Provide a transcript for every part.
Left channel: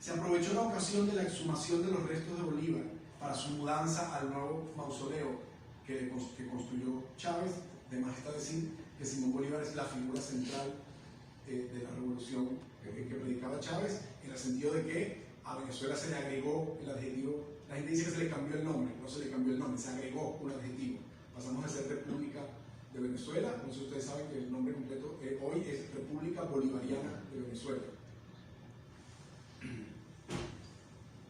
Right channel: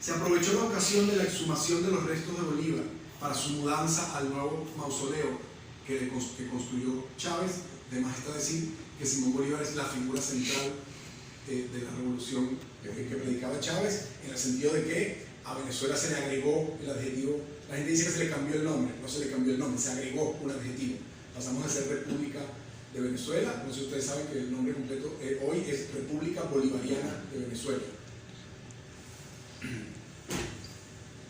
Se aprovechó la ocasión de la exhumación de los restos de Bolívar para su mudanza al nuevo mausoleo que construyó Chávez. De más está decir que Simón Bolívar es la figura central de la revolución que predicaba Chávez, en el sentido de que a Venezuela se le agregó el adjetivo. La gente dice que se le cambió el nombre, no se le cambió el nombre, se agregó un adjetivo. Pasamos de ser República de Venezuela, no sé si ustedes saben que el nombre completo hoy es República Bolivariana de Venezuela.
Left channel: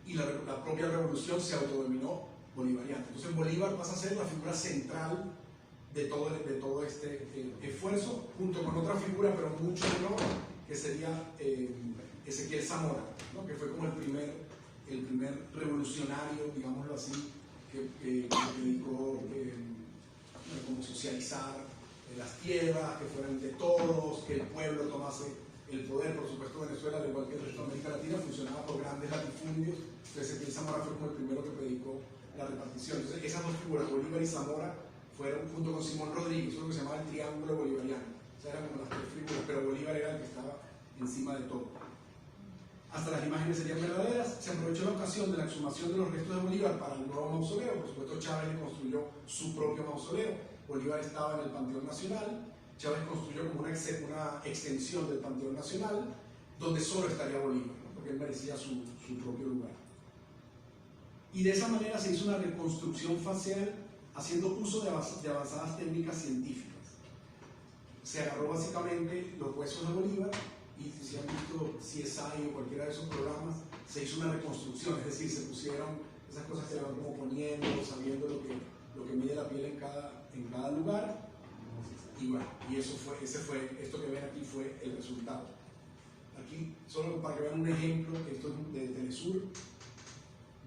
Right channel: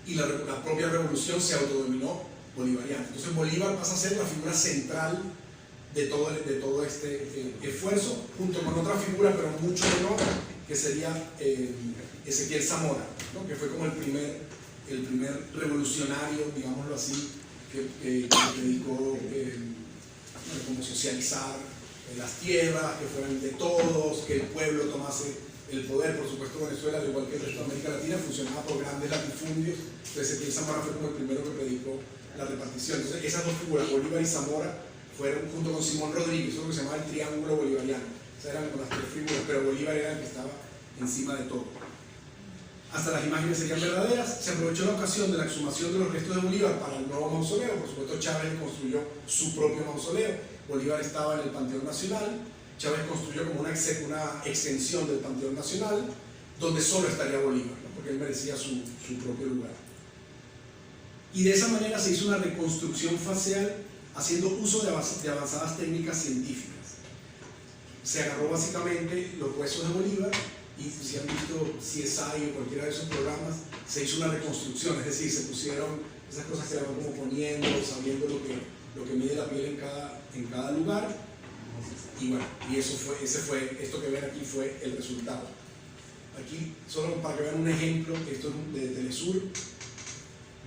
Y la propia revolución se autodenominó bolivariana. Entonces Bolívar pasa a ser la figura central de todo este esfuerzo, junto con otra figura, pero mucho menor, que sería Ezequiel Zamora, ¿no? Que fue como el primer revolucionario, digámoslo así, que predicó como socializar las tierras, que fueran de todos, que el pueblo tomase el poder. Por supuesto, Venezuela, al igual que el resto de América Latina, funcionaba por grandes latifundios. Entonces Ezequiel Zamora fue como el primero que predicó la repartición. Entonces esas dos figuras, Bolívar y Zamora, fueron junto con Simón Rodríguez, eso es lo que se llamaba el triángulo bolivariano. O sea, eran como las tres figuras, pero Bolívar era el que estaba encima de todo. Hasta las imágenes serían verdaderas. Se aprovechó la ocasión de la exhumación de los restos de Bolívar para el nuevo mausoleo. Por supuesto, Chávez construyó su propio mausoleo. Bolívar estaba en el Panteón Nacional. Chávez construyó como una extensión del Panteón Nacional, donde solo estaría Bolívar, ¿no? Porque él merecía su propio lugar. Y de esa manera se hizo una reconstrucción facial haciendo uso de avanzadas técnicas científicas. Se agarró básicamente los huesos de Bolívar, y si han visto CSI o cualquiera de esos programas, se hizo una reconstrucción, es decir, se pusieron esas cosas que le van como poniendo, sabiendo lo que mide la piel en cada lugar, y bueno, y esto que ven aquí fue el resultado. Aquí, solo para que vean un ejemplo, esto es de Telesur,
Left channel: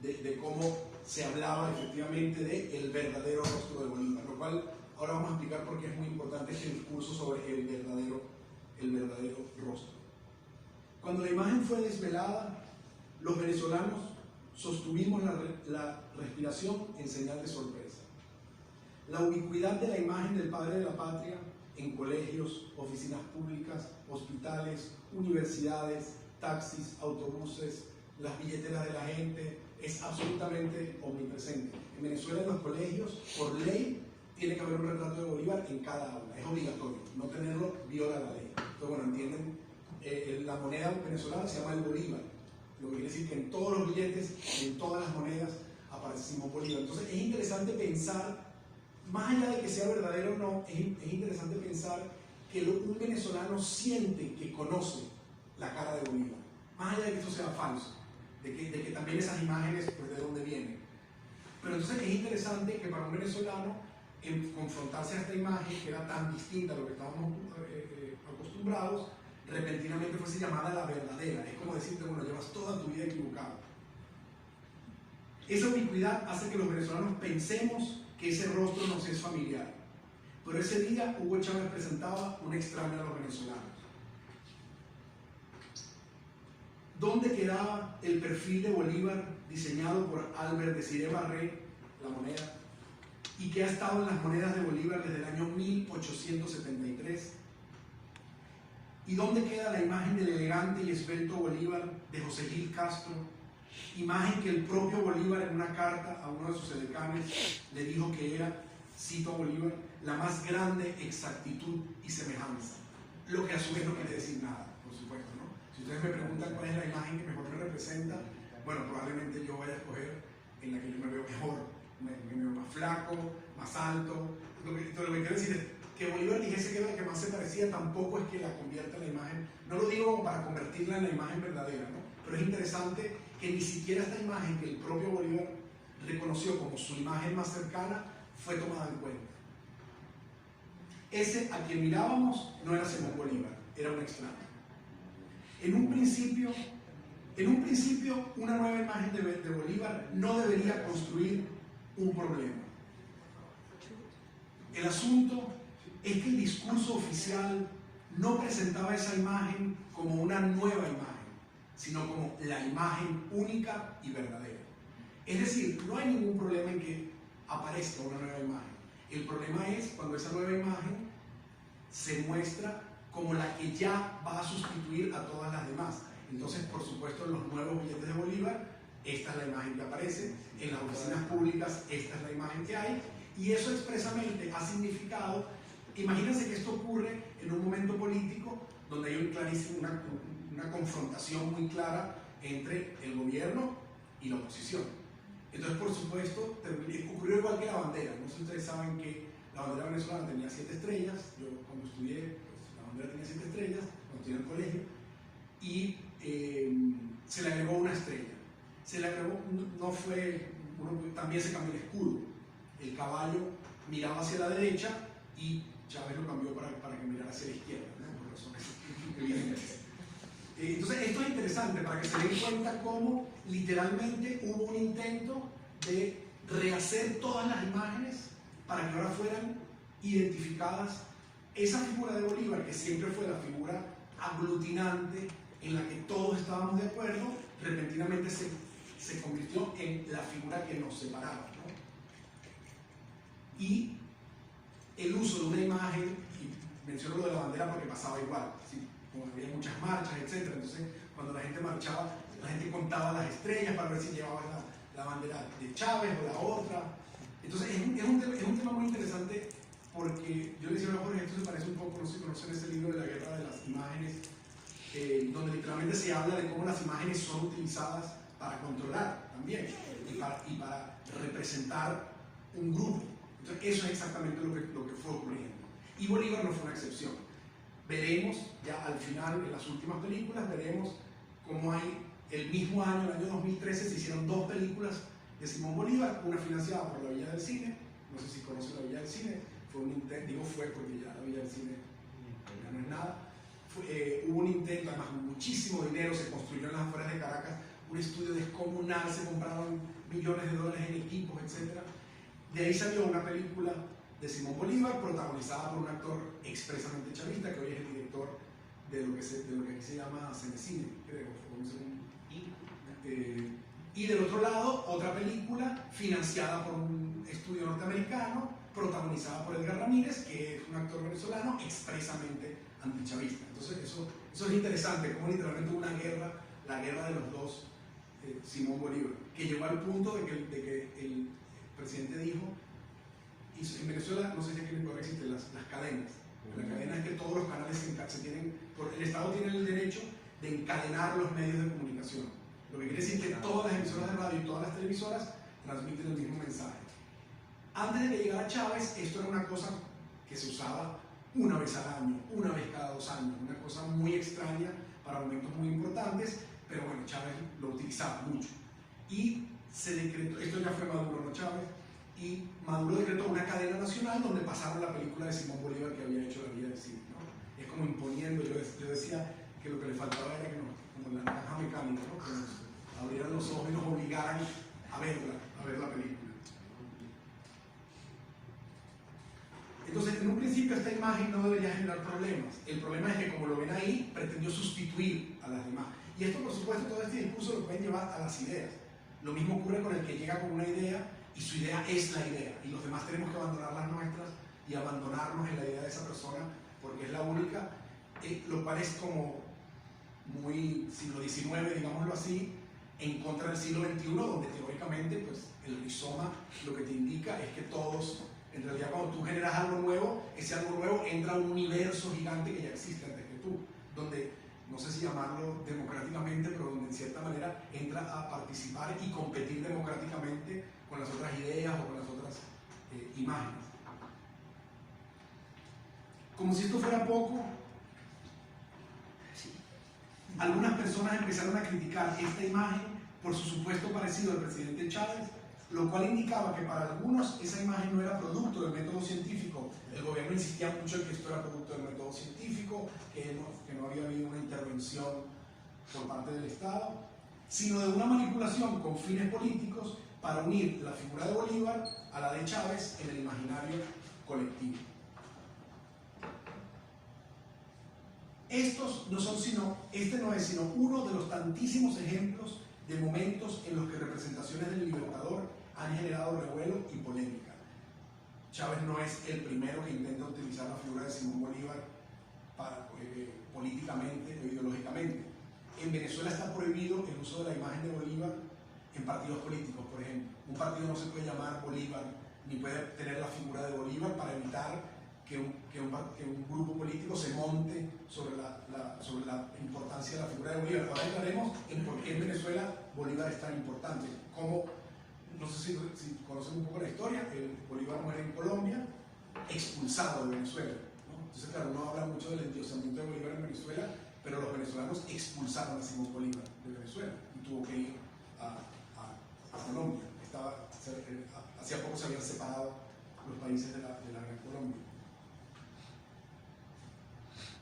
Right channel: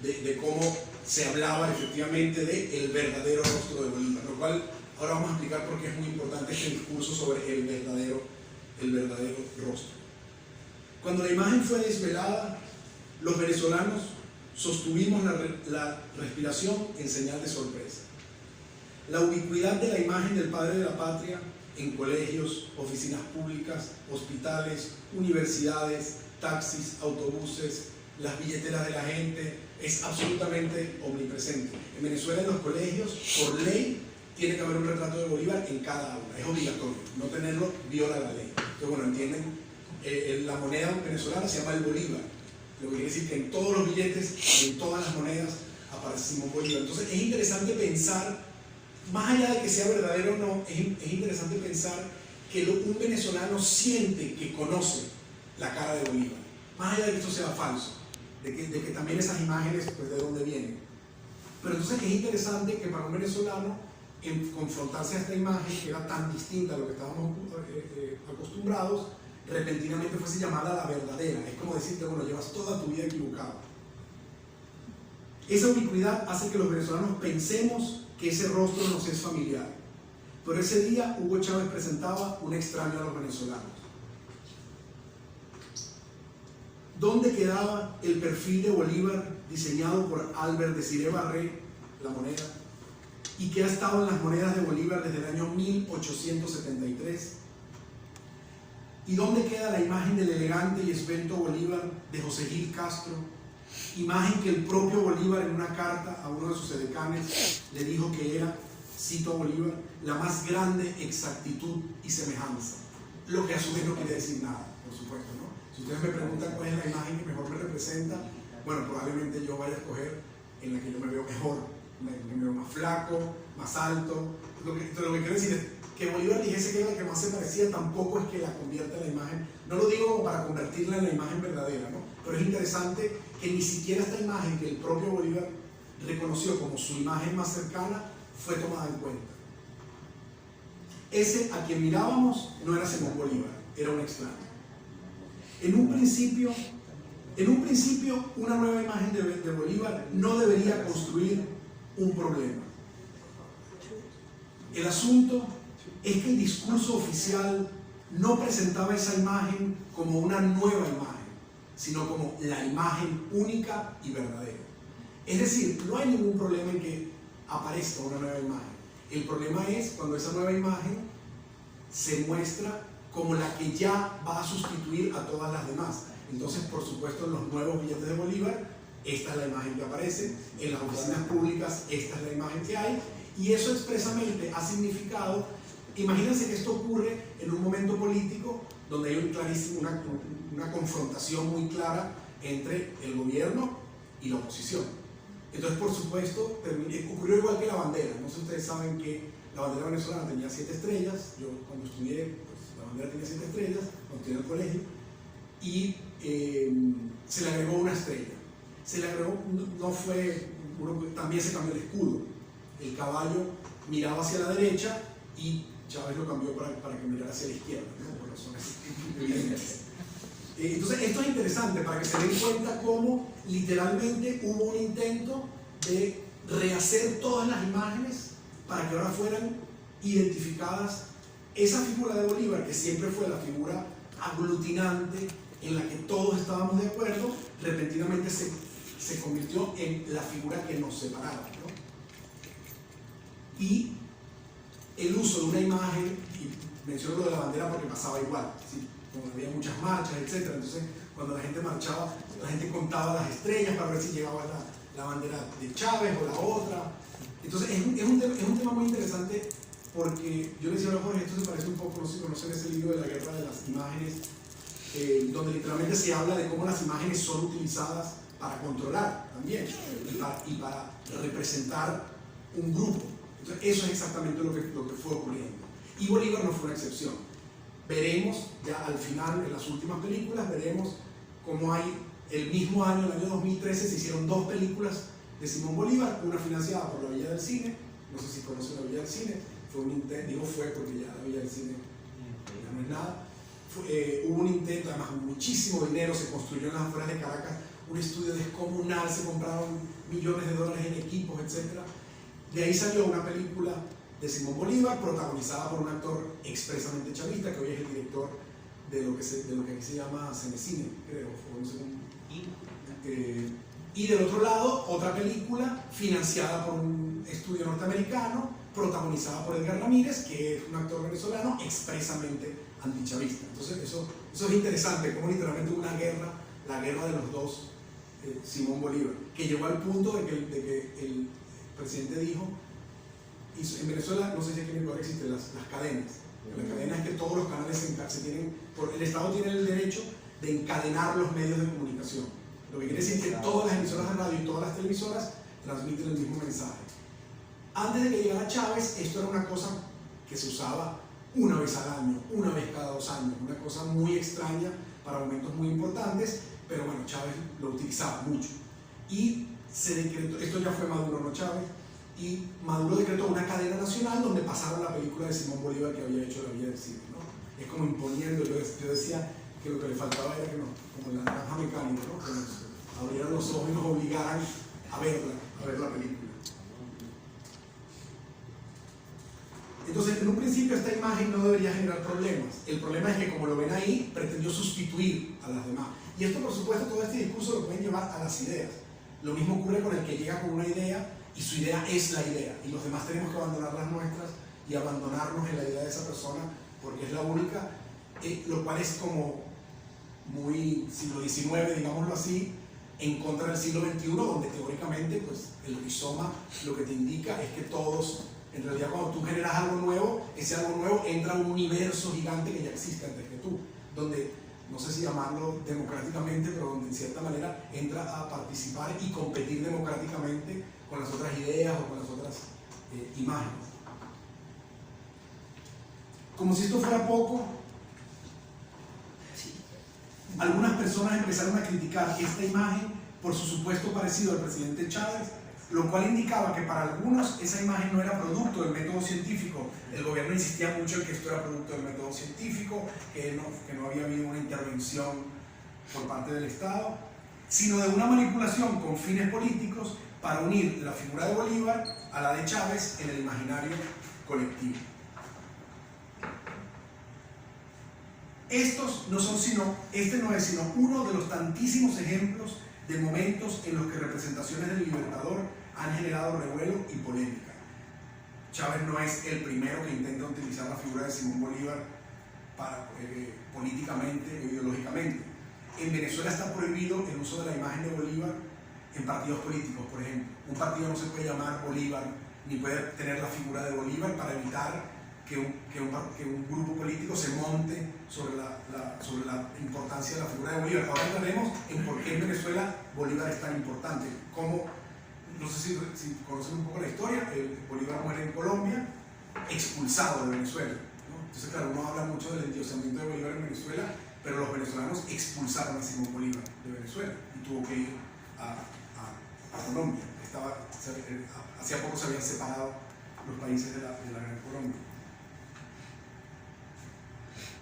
de cómo se hablaba efectivamente del verdadero rostro de Bolívar, lo cual ahora vamos a explicar por qué es muy importante este discurso sobre el verdadero rostro. Cuando la imagen fue desvelada, los venezolanos sostuvimos la respiración en señal de sorpresa. La ubicuidad de la imagen del padre de la patria en colegios, oficinas públicas, hospitales, universidades, taxis, autobuses, las billeteras de la gente, es absolutamente omnipresente. En Venezuela, en los colegios, por ley, tiene que haber un retrato de Bolívar en cada aula, es obligatorio. No tenerlo viola la ley. Entonces, bueno, entienden, la moneda venezolana se llama el Bolívar, lo que quiere decir que en todos los billetes, en todas las monedas, aparece Simón Bolívar. Entonces, es interesante pensar, más allá de que sea verdadero o no, es interesante pensar que un venezolano siente que conoce la cara de Bolívar, más allá de que esto sea falso, de que también esas imágenes, pues, de dónde vienen. Pero entonces es interesante que para un venezolano, en confrontarse a esta imagen que era tan distinta a lo que estábamos acostumbrados, repentinamente fuese llamada la verdadera. Es como decirte, bueno, llevas toda tu vida equivocado. Esa ubicuidad hace que los venezolanos pensemos que ese rostro nos es familiar. Pero ese día Hugo Chávez presentaba un extraño a los venezolanos. ¿Dónde quedaba el perfil de Bolívar diseñado por Albert Desiré Barré, la moneda, y que ha estado en las monedas de Bolívar desde el año 1873? ¿Y dónde queda la imagen del elegante y esbelto Bolívar de José Gil Castro? Imagen que el propio Bolívar en una carta a uno de sus edecanes le dijo que era, cito a Bolívar, la más grande exactitud y semejanza. Lo que a su vez no quiere decir nada, por supuesto, ¿no? Si ustedes me preguntan cuál es la imagen que mejor me representa, bueno, probablemente yo vaya a escoger en la que yo me veo mejor, me veo más flaco, más alto. Lo que quiero decir es que Bolívar dijese que era la que más se parecía, tampoco es que la convierta en la imagen. No lo digo como para convertirla en la imagen verdadera, ¿no? Pero es interesante que ni siquiera esta imagen que el propio Bolívar reconoció como su imagen más cercana fue tomada en cuenta. Ese a quien mirábamos no era Simón Bolívar, era un extraño. En un principio, una nueva imagen de Bolívar no debería construir un problema. El asunto es que el discurso oficial no presentaba esa imagen como una nueva imagen, sino como la imagen única y verdadera. Es decir, no hay ningún problema en que aparezca una nueva imagen. El problema es cuando esa nueva imagen se muestra como la que ya va a sustituir a todas las demás. Entonces, por supuesto, en los nuevos billetes de Bolívar, esta es la imagen que aparece, en las oficinas públicas, esta es la imagen que hay, y eso expresamente ha significado, imagínense que esto ocurre en un momento político donde hay una confrontación muy clara entre el gobierno y la oposición. Entonces, por supuesto, ocurrió igual que la bandera. No sé si ustedes saben que la bandera venezolana tenía 7 estrellas. Yo cuando estudié, pues, la bandera tenía 7 estrellas, cuando estudié en el colegio, y se le agregó una estrella. Se le agregó, también se cambió el escudo. El caballo miraba hacia la derecha y Chávez lo cambió para que mirara hacia la izquierda, ¿no? Por razones evidentes. Entonces, esto es interesante para que se den cuenta cómo literalmente hubo un intento de rehacer todas las imágenes para que ahora fueran identificadas. Esa figura de Bolívar, que siempre fue la figura aglutinante en la que todos estábamos de acuerdo, repentinamente se convirtió en la figura que nos separaba, ¿no? Y el uso de una imagen, y menciono lo de la bandera porque pasaba igual, ¿sí? Como había muchas marchas, etc. Entonces, cuando la gente marchaba, la gente contaba las estrellas para ver si llegaba la bandera de Chávez o la otra. Entonces, es un tema muy interesante porque yo les decía a Jorge, esto se parece un poco, no sé si conocen ese libro de la guerra de las imágenes, donde literalmente se habla de cómo las imágenes son utilizadas para controlar también y para representar un grupo. Entonces, eso es exactamente lo que fue ocurriendo. Y Bolívar no fue una excepción. Veremos, ya al final, en las últimas películas, veremos cómo hay el mismo año, el año 2013, se hicieron 2 películas de Simón Bolívar, una financiada por la Villa del Cine, no sé si conocen la Villa del Cine, fue un intento, digo fue porque ya la Villa del Cine ya no es nada, hubo un intento, además muchísimo dinero, se construyó en las afueras de Caracas un estudio descomunal, se compraron millones de dólares en equipos, etc. De ahí salió una película de Simón Bolívar, protagonizada por un actor expresamente chavista, que hoy es el director de lo que aquí se llama Cenecine, creo, o no sé cómo. Y del otro lado, otra película financiada por un estudio norteamericano, protagonizada por Edgar Ramírez, que es un actor venezolano expresamente antichavista. Entonces, eso es interesante, como literalmente una guerra, la guerra de los dos, Simón Bolívar, que llegó al punto de que el presidente dijo, en Venezuela, no sé si aquí en Ecuador existen las cadenas. La cadena es que todos los canales se tienen, el Estado tiene el derecho de encadenar los medios de comunicación. Lo que quiere decir que todas las emisoras de radio y todas las televisoras transmiten el mismo mensaje. Antes de que llegara Chávez, esto era una cosa que se usaba una vez al año, una vez cada 2 años, una cosa muy extraña para momentos muy importantes, pero bueno, Chávez lo utilizaba mucho. Y se decretó, esto ya fue Maduro, no Chávez, y Maduro decretó una cadena nacional donde pasaron la película de Simón Bolívar que había hecho la Villa del Cine, ¿no? Es como imponiendo, yo decía que lo que le faltaba era que como en la naranja mecánica, ¿no? Que nos abrieran los ojos y nos obligaran a ver la película. Entonces, en un principio esta imagen no debería generar problemas. El problema es que, como lo ven ahí, pretendió sustituir a las demás. Y esto, por supuesto, todo este discurso lo pueden llevar a las ideas. Lo mismo ocurre con el que llega con una idea y su idea es la idea, y los demás tenemos que abandonar las nuestras y abandonarnos en la idea de esa persona porque es la única, lo cual es como muy siglo XIX, digámoslo así, en contra del siglo XXI, donde teóricamente pues, el rizoma lo que te indica es que todos, en realidad cuando tú generas algo nuevo, ese algo nuevo entra a un universo gigante que ya existe antes que tú, donde, no sé si llamarlo democráticamente, pero donde en cierta manera entra a participar y competir democráticamente con las otras ideas o con las otras imágenes. Como si esto fuera poco, algunas personas empezaron a criticar esta imagen por su supuesto parecido al presidente Chávez, lo cual indicaba que para algunos esa imagen no era producto del método científico. El gobierno insistía mucho en que esto era producto del método científico, que no había habido una intervención por parte del Estado, sino de una manipulación con fines políticos para unir la figura de Bolívar a la de Chávez en el imaginario colectivo. Este no es sino uno de los tantísimos ejemplos de momentos en los que representaciones del Libertador han generado revuelo y polémica. Chávez no es el primero que intenta utilizar la figura de Simón Bolívar políticamente o ideológicamente. en Venezuela está prohibido el uso de la imagen de Bolívar en partidos políticos, por ejemplo. Un partido no se puede llamar Bolívar, ni puede tener la figura de Bolívar para evitar que un grupo político se monte sobre la importancia de la figura de Bolívar. Ahora hablaremos en por qué en Venezuela Bolívar es tan importante. Como, no sé si conocen un poco la historia, Bolívar muere en Colombia, expulsado de Venezuela, ¿no? Entonces, claro, uno habla mucho del endiosamiento de Bolívar en Venezuela, pero los venezolanos expulsaron a Simón Bolívar de Venezuela y tuvo que ir a Colombia. Hacía poco se habían separado los países de la Gran Colombia.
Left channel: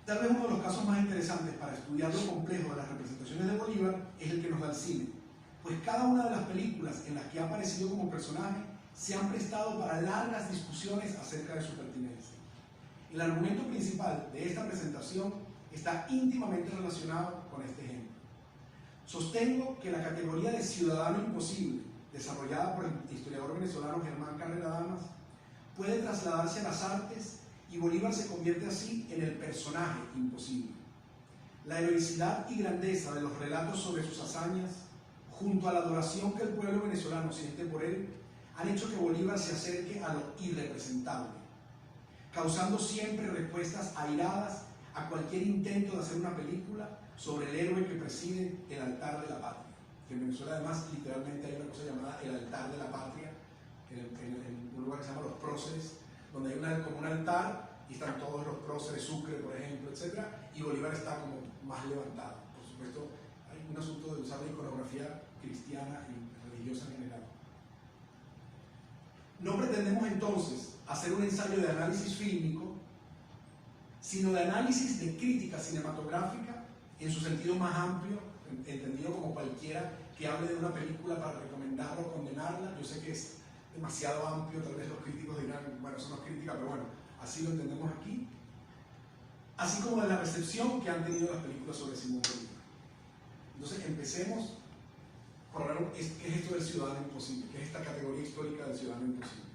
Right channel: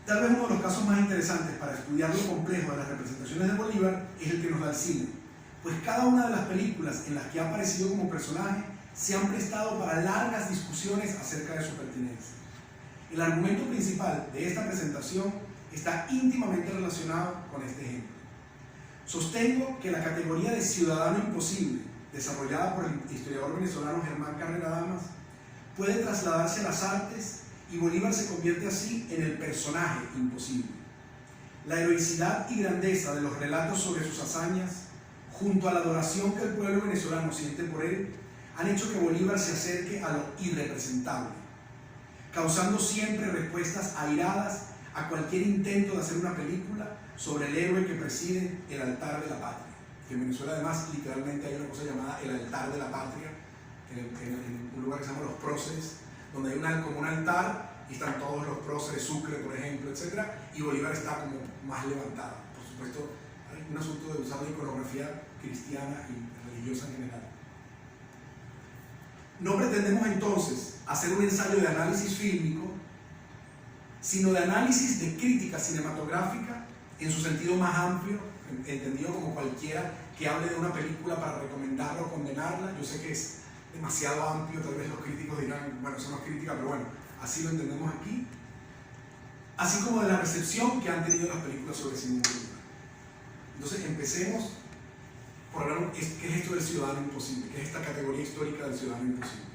Tal vez uno de los casos más interesantes para estudiar lo complejo de las representaciones de Bolívar es el que nos da el cine, pues cada una de las películas en las que ha aparecido como personaje se han prestado para largas discusiones acerca de su pertinencia. El argumento principal de esta presentación está íntimamente relacionado con este ejemplo. Sostengo que la categoría de ciudadano imposible, desarrollada por el historiador venezolano Germán Carrera Damas, puede trasladarse a las artes y Bolívar se convierte así en el personaje imposible. La heroicidad y grandeza de los relatos sobre sus hazañas, junto a la adoración que el pueblo venezolano siente por él, han hecho que Bolívar se acerque a lo irrepresentable, causando siempre respuestas airadas a cualquier intento de hacer una película sobre el héroe que preside el altar de la patria. Que en Venezuela además literalmente hay una cosa llamada el altar de la patria, en un lugar que se llama Los Próceres, donde hay como un altar y están todos los próceres, Sucre por ejemplo, etc. Y Bolívar está como más levantado. Por supuesto, hay un asunto de usar la iconografía cristiana y religiosa en general. No pretendemos entonces hacer un ensayo de análisis fílmico, sino de análisis de crítica cinematográfica en su sentido más amplio, entendido como cualquiera que hable de una película para recomendarla o condenarla. Yo sé que es demasiado amplio, tal vez los críticos dirán, bueno, eso no es crítica, pero bueno, así lo entendemos aquí. Así como de la recepción que han tenido las películas sobre Simón Bolívar. Entonces empecemos por hablar qué es esto del ciudadano imposible, qué es esta categoría histórica del ciudadano imposible.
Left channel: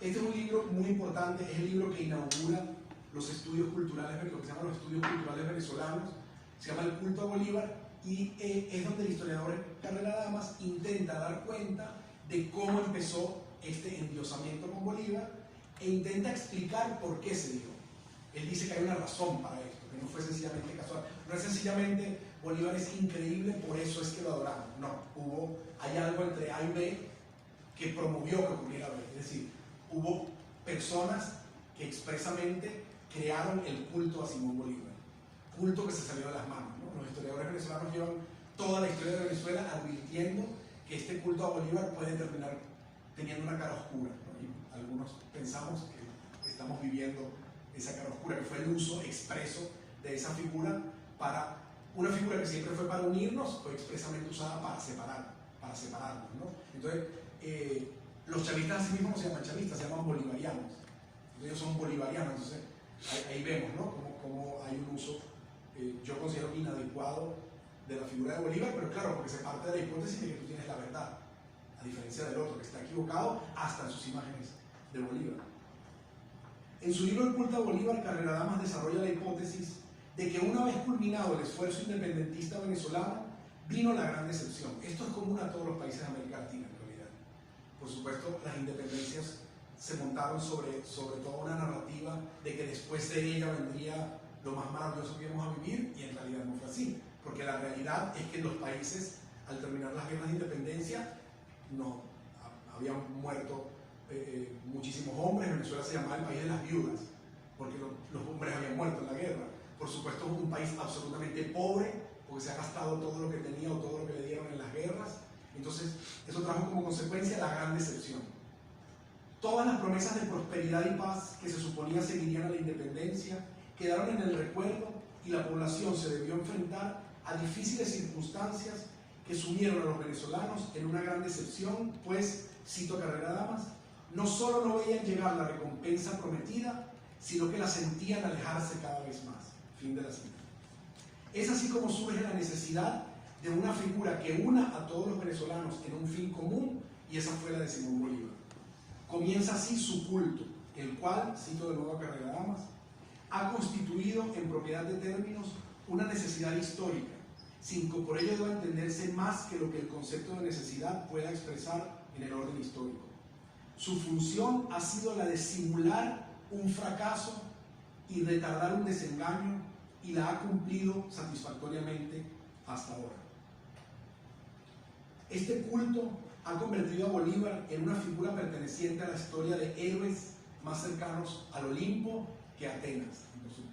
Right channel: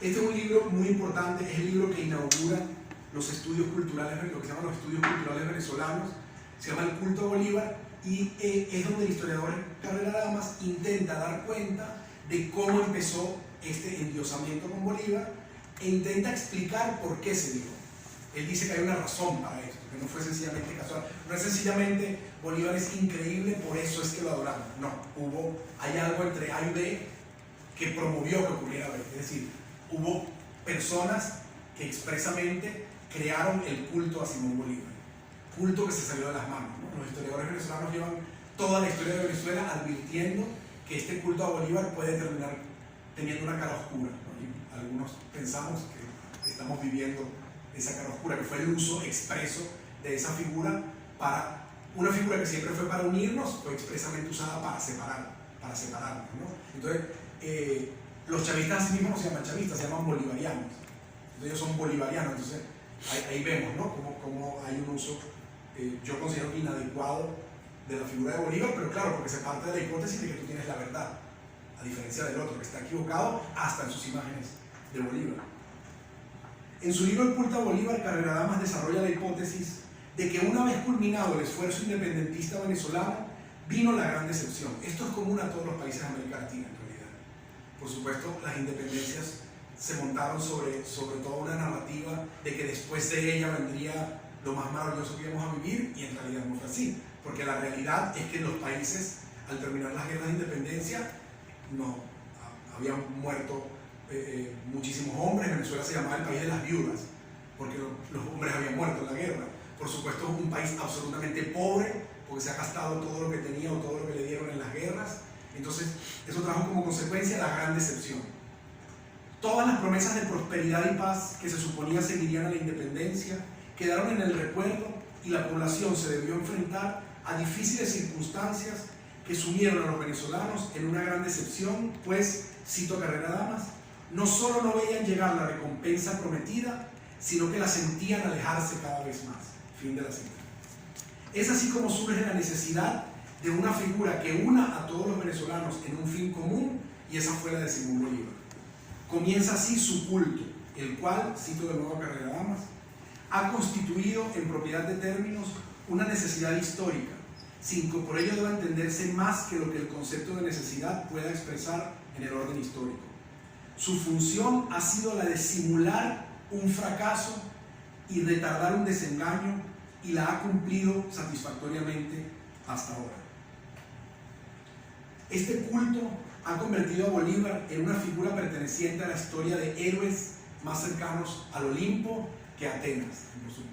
Este es un libro muy importante, es el libro que inaugura los estudios culturales, lo que se llaman los estudios culturales venezolanos, se llama El culto a Bolívar, y es donde el historiador Carrera Damas intenta dar cuenta de cómo empezó este endiosamiento con Bolívar e intenta explicar por qué se dio. Él dice que hay una razón para esto, que no fue sencillamente casual, no es sencillamente Bolívar es increíble, por eso es que lo adoramos. No, hay algo entre A y B que promovió que ocurriera B. Es decir, hubo personas que expresamente crearon el culto a Simón Bolívar, culto que se salió de las manos, ¿no? Los historiadores venezolanos llevan toda la historia de Venezuela advirtiendo que este culto a Bolívar puede terminar teniendo una cara oscura, ¿no? Y algunos pensamos que estamos viviendo esa cara oscura, que fue el uso expreso de esa figura para una figura que siempre fue para unirnos, fue expresamente usada para separarnos, ¿no? Entonces, los chavistas así mismos no se llaman chavistas, se llaman bolivarianos. Entonces, ellos son bolivarianos. Entonces, ahí vemos, ¿no? Cómo hay un uso, yo considero inadecuado de la figura de Bolívar, pero claro, porque se parte de la hipótesis de que tú tienes la verdad, a diferencia del otro, que está equivocado hasta en sus imágenes de Bolívar. En su libro El culto a Bolívar, Carrera Damas desarrolla la hipótesis de que una vez culminado el esfuerzo independentista venezolano, vino la gran decepción. Esto es común a todos los países de América Latina, en realidad. Por supuesto, las independencias se montaron sobre toda una narrativa de que después de ella vendría lo más maravilloso que íbamos a vivir, y en realidad no fue así, porque la realidad es que los países, al terminar las guerras de independencia, no habían muerto muchísimos hombres. Venezuela se llamaba el país de las viudas, porque los hombres habían muerto en la guerra. Por supuesto, es un país absolutamente pobre, porque se ha gastado todo lo que tenía o todo lo que le dieron en las guerras. Entonces, eso trajo como consecuencia la gran decepción. Todas las promesas de prosperidad y paz que se suponía seguirían a la independencia quedaron en el recuerdo, y la población se debió enfrentar a difíciles circunstancias que sumieron a los venezolanos en una gran decepción, pues, cito a Carrera Damas, no solo no veían llegar la recompensa prometida, sino que la sentían alejarse cada vez más. Fin de la cita. Es así como surge la necesidad de una figura que una a todos los venezolanos en un fin común, y esa fue la de Simón Bolívar. Comienza así su culto, el cual, cito de nuevo a Carrera Damas, ha constituido en propiedad de términos una necesidad histórica 5. Por ello debe entenderse más que lo que el concepto de necesidad pueda expresar en el orden histórico. Su función ha sido la de simular un fracaso y retardar un desengaño, y la ha cumplido satisfactoriamente hasta ahora. Este culto ha convertido a Bolívar en una figura perteneciente a la historia de héroes más cercanos al Olimpo que a Atenas.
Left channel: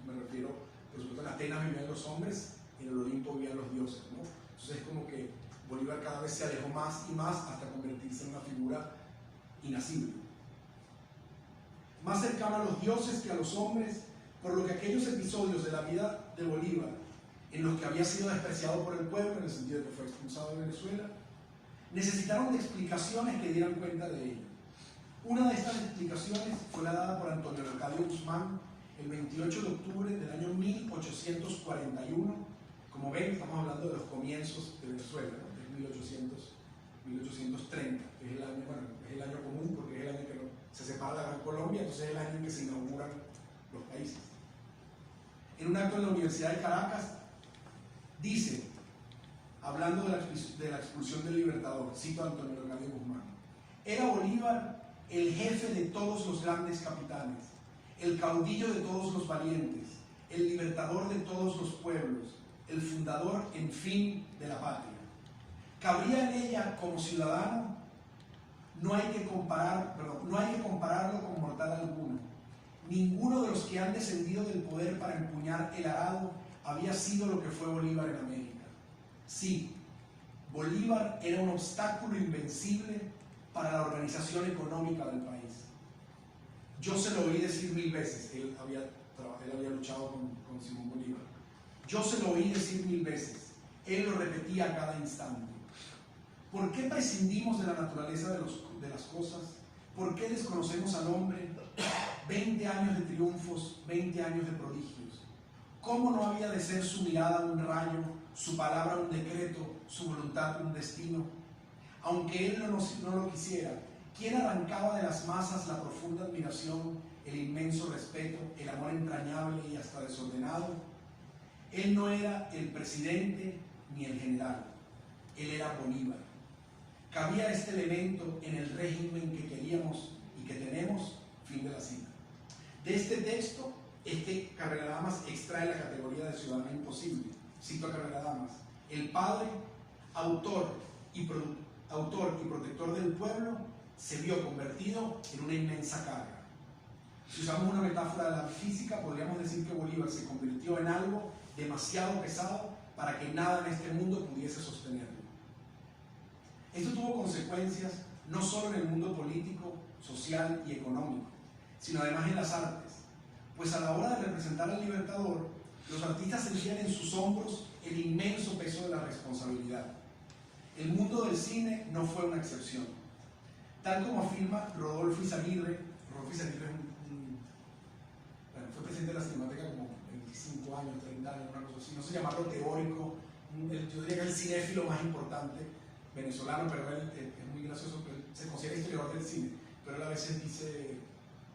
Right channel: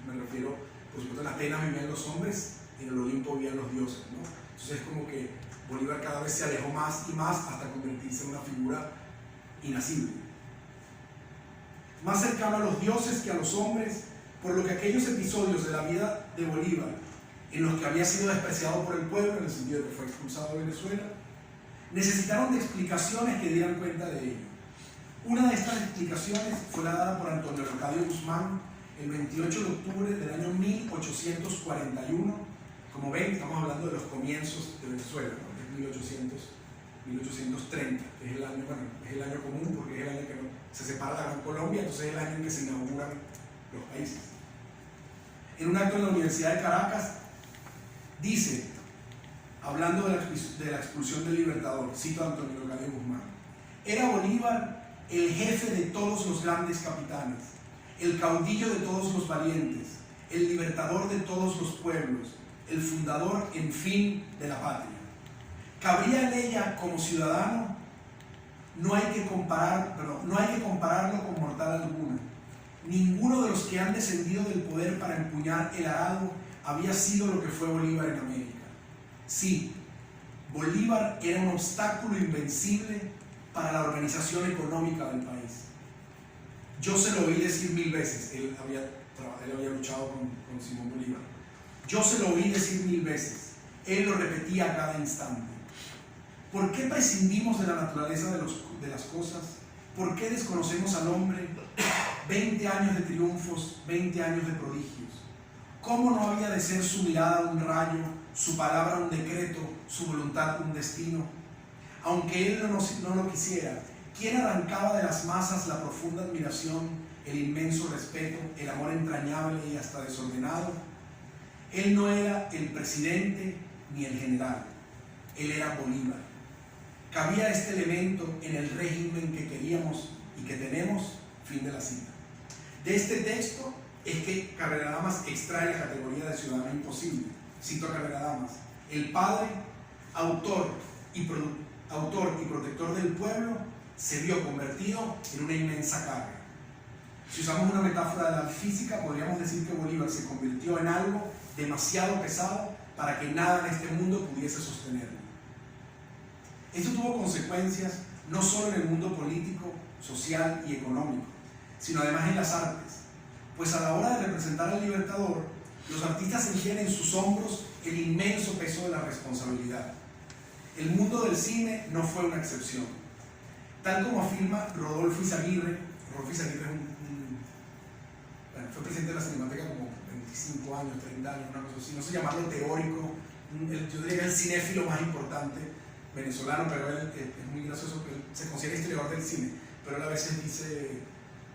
Me refiero, por supuesto, en Atenas vivían los hombres y en el Olimpo vivían los dioses, ¿no? Entonces es como que Bolívar cada vez se alejó más y más hasta convertirse en una figura inacible. Más cercano a los dioses que a los hombres, por lo que aquellos episodios de la vida de Bolívar, en los que había sido despreciado por el pueblo, en el sentido de que fue expulsado de Venezuela, necesitaron de explicaciones que dieran cuenta de ello. Una de estas explicaciones fue la dada por Antonio Leocadio Guzmán el 28 de octubre del año 1841. Como ven, estamos hablando de los comienzos de Venezuela, ¿no? Es 1830, que es el año, bueno, es el año común porque es el año que se separa la Gran Colombia, entonces es el año en que se inauguran los países. En un acto en la Universidad de Caracas, dice, hablando de la expulsión del Libertador, cito a Antonio Leocadio Guzmán: era Bolívar el jefe de todos los grandes capitanes, el caudillo de todos los valientes, el libertador de todos los pueblos, el fundador, en fin, de la patria. ¿Cabría en ella como ciudadano? No hay que compararlo con mortal alguno. Ninguno de los que han descendido del poder para empuñar el arado había sido lo que fue Bolívar en América. Sí, Bolívar era un obstáculo invencible para la organización económica del país. Yo se lo oí decir 1000 veces. Él había luchado con Simón Bolívar. Yo se lo oí decir 1000 veces. Él lo repetía a cada instante. ¿Por qué prescindimos de la naturaleza de las cosas? ¿Por qué desconocemos al hombre? 20 años de triunfos, 20 años de prodigios. ¿Cómo no había de ser su mirada un rayo, su palabra un decreto, su voluntad un destino? Aunque él no lo quisiera, ¿quién arrancaba de las masas la profunda admiración, el inmenso respeto, el amor entrañable y hasta desordenado? Él no era el presidente ni el general, él era Bolívar. ¿Cabía este elemento en el régimen que queríamos y que tenemos? Fin de la cita. De este texto es que Carrera Damas extrae la categoría de ciudadano imposible. Cito a Carrera Damas: el padre, autor y protector del pueblo, se vio convertido en una inmensa carga. Si usamos una metáfora de la física, podríamos decir que Bolívar se convirtió en algo demasiado pesado para que nada en este mundo pudiese sostenerlo. Esto tuvo consecuencias no solo en el mundo político, social y económico, sino además en las artes, pues a la hora de representar al Libertador, los artistas sentían en sus hombros el inmenso peso de la responsabilidad. El mundo del cine no fue una excepción. Tal como afirma Rodolfo Izaguirre fue presidente de la Cinemateca como 25 años, 30 años, una cosa así, no sé llamarlo teórico, yo diría el cinéfilo más importante venezolano, pero él es muy gracioso, que él se considera historiador del cine, pero él a veces dice,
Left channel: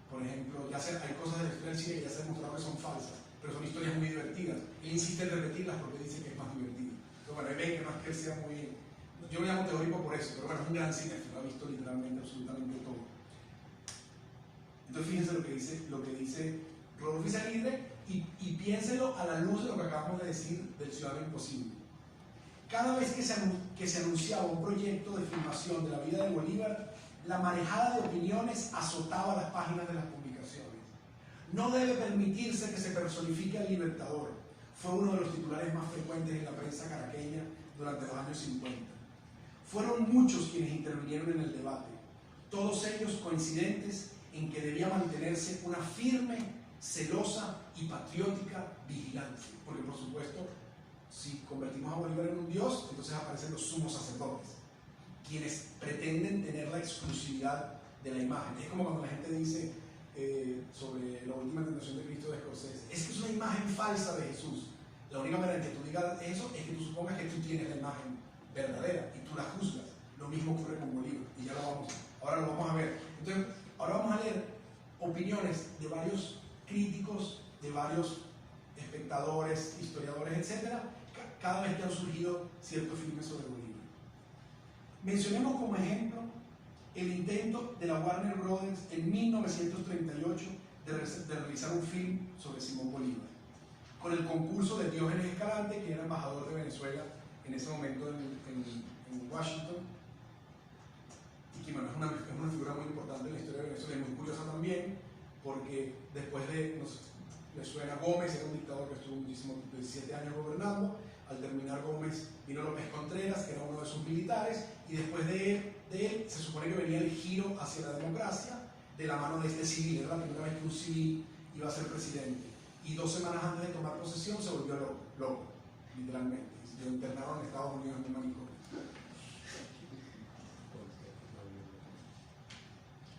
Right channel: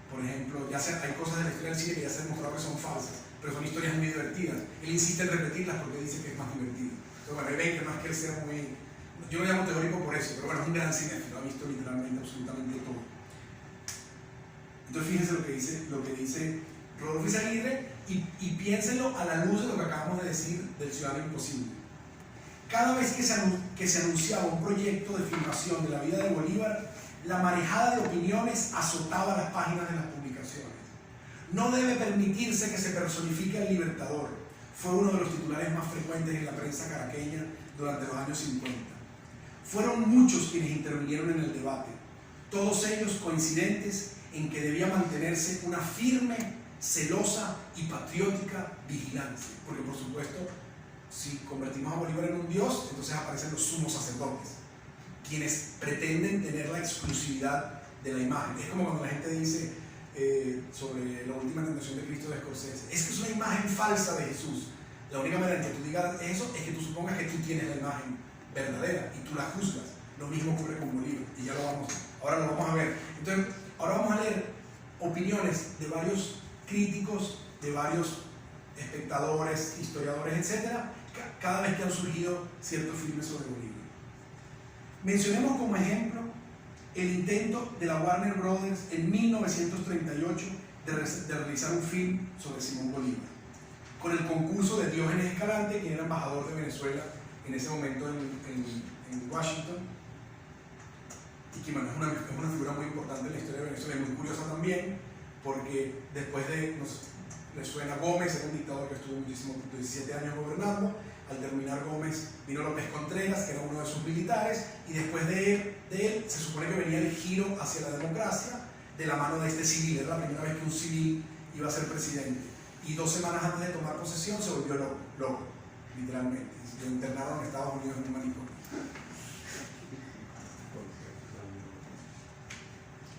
por ejemplo, hay cosas de la historia del cine que ya se ha demostrado que son falsas, pero son historias muy divertidas. Él insiste en repetirlas porque dice que es más divertido. Entonces, bueno, él ve que no es que él sea muy... Yo lo llamo teórico por eso, pero bueno, es un gran cinéfilo, ha visto literalmente absolutamente todo. Entonces, fíjense lo que dice Rodolfo Izaguirre y piénsenlo a la luz de lo que acabamos de decir del Ciudadano Imposible. Cada vez que se anunciaba un proyecto de filmación de la vida de Bolívar, la marejada de opiniones azotaba las páginas de las publicaciones. No debe permitirse que se personifique al Libertador, fue uno de los titulares más frecuentes en la prensa caraqueña durante los años 50. Fueron muchos quienes intervinieron en el debate, todos ellos coincidentes en que debía mantenerse una firme, celosa y patriótica vigilancia, porque por supuesto, si convertimos a Bolívar en un dios, entonces aparecen los sumos sacerdotes, quienes pretenden tener la exclusividad de la imagen. Es como cuando la gente dice sobre la última tentación de Cristo de Scorsese, es que es una imagen falsa de Jesús. La única manera en que tú digas eso es que tú supongas que tú tienes la imagen verdadera y tú la juzgas. Lo mismo ocurre con Bolívar y ahora lo vamos a ver. Entonces, ahora vamos a leer opiniones de varios críticos, de varios espectadores, historiadores, etc., cada vez que han surgido ciertos filmes sobre Bolívar. Mencionemos como ejemplo el intento de la Warner Brothers en 1938 de realizar un film sobre Simón Bolívar, con el concurso de Diógenes Escalante, que era embajador de Venezuela en ese momento en Washington, y que bueno, es una figura muy importante en la historia de Venezuela, y muy curiosa también, porque después de, le suena Gómez, era un dictador que estuvo muchísimo, 17 años gobernando. Al terminar Gómez vino López Contreras, que era uno de sus militares, y después de él se supone que venía el giro hacia la democracia de la mano de este civil. Era la primera vez que un civil iba a ser presidente, y 2 semanas antes de tomar posesión se volvió loco, literalmente, y lo internaron en Estados Unidos en un manicomio.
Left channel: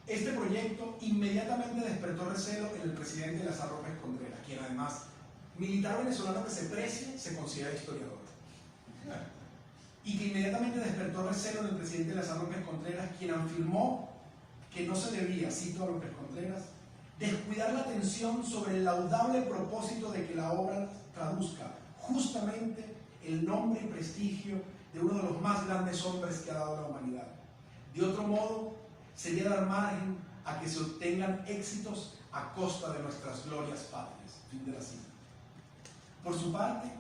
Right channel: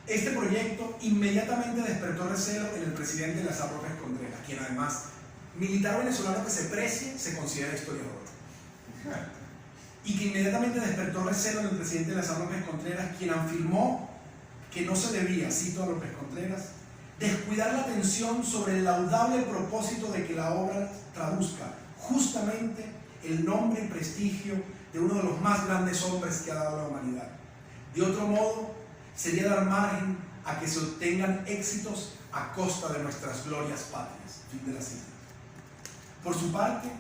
Este proyecto inmediatamente despertó recelo en el presidente Eleazar López Contreras, quien además, militar venezolano que se precie, se considera historiador. Y que inmediatamente despertó recelo en el presidente Eleazar López Contreras, quien afirmó que no se debía, cito a López Contreras, descuidar la atención sobre el laudable propósito de que la obra traduzca justamente el nombre y prestigio de uno de los más grandes hombres que ha dado la humanidad. De otro modo, sería dar margen a que se obtengan éxitos a costa de nuestras glorias patrias. Fin de la cita. Por su parte,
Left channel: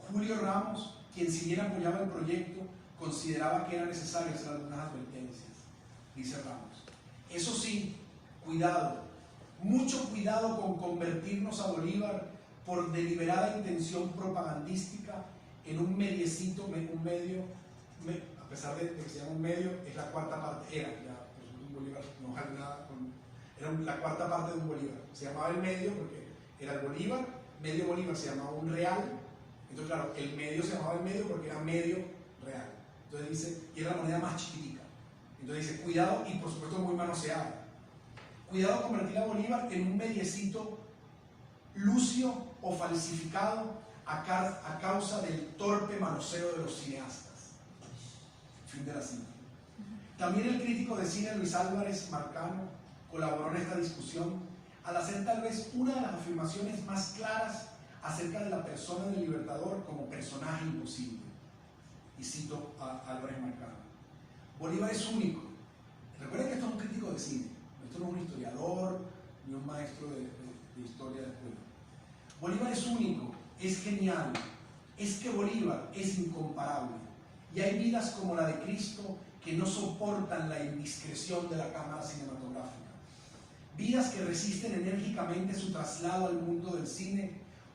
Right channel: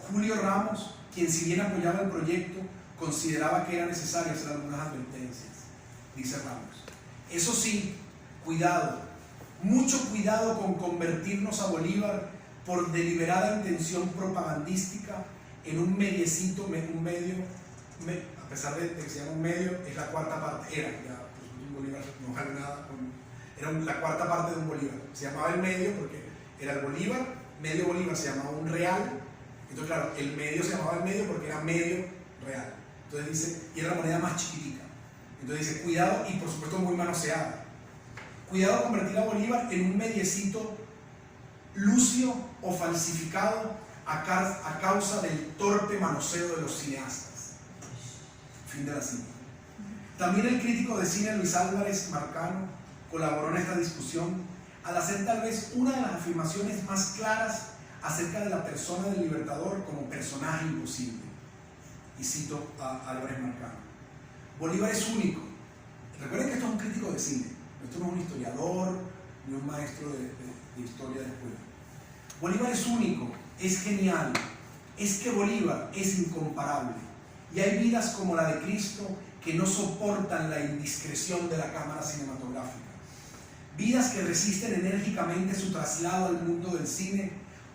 Julio Ramos, quien si bien apoyaba el proyecto, consideraba que era necesario hacer algunas advertencias. Dice Ramos: eso sí, cuidado, mucho cuidado con convertirnos a Bolívar por deliberada intención propagandística en un mediecito, a pesar de que se llama un medio, es la cuarta parte, era un Bolívar, no vale nada, era la cuarta parte de un Bolívar. Se llamaba el medio porque era el Bolívar, medio Bolívar se llamaba un real, entonces claro, el medio se llamaba el medio porque era medio real. Entonces dice, y era la moneda más chiquitica. Entonces dice, cuidado, y por supuesto muy manoseada. Cuidado convertir a Bolívar en un mediecito lucio o falsificado a causa del torpe manoseo de los cineastas. Fin de la cita. También el crítico de cine Luis Álvarez Marcano colaboró en esta discusión al hacer tal vez una de las afirmaciones más claras acerca de la persona del Libertador como personaje imposible. Y cito a Álvarez Marcano: Bolívar es único. Recuerden que esto es un crítico de cine, esto no es un historiador ni un maestro de historia de escuela. Bolívar es único, es genial, es que Bolívar es incomparable, y hay vidas como la de Cristo que no soportan la indiscreción de la cámara cinematográfica, vidas que resisten enérgicamente su traslado al mundo del cine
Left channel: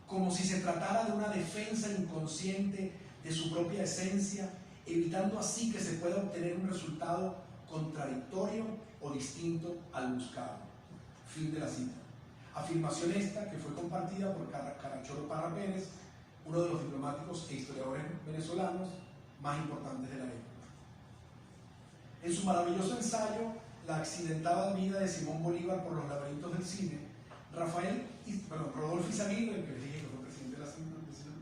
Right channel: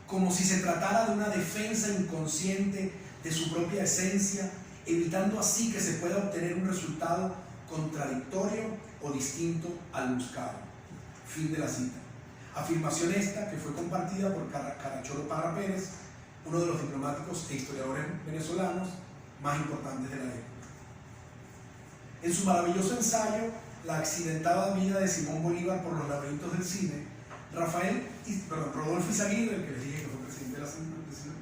como si se tratara de una defensa inconsciente de su propia esencia, evitando así que se pueda obtener un resultado contradictorio o distinto al buscado. Fin de la cita. Afirmación esta que fue compartida por Caracholo Parra Pérez, uno de los diplomáticos e historiadores venezolanos más importantes de la época. En su maravilloso ensayo, La accidentada vida de Simón Bolívar por los laberintos del cine, Rodolfo Izaguirre, el que les dije que fue presidente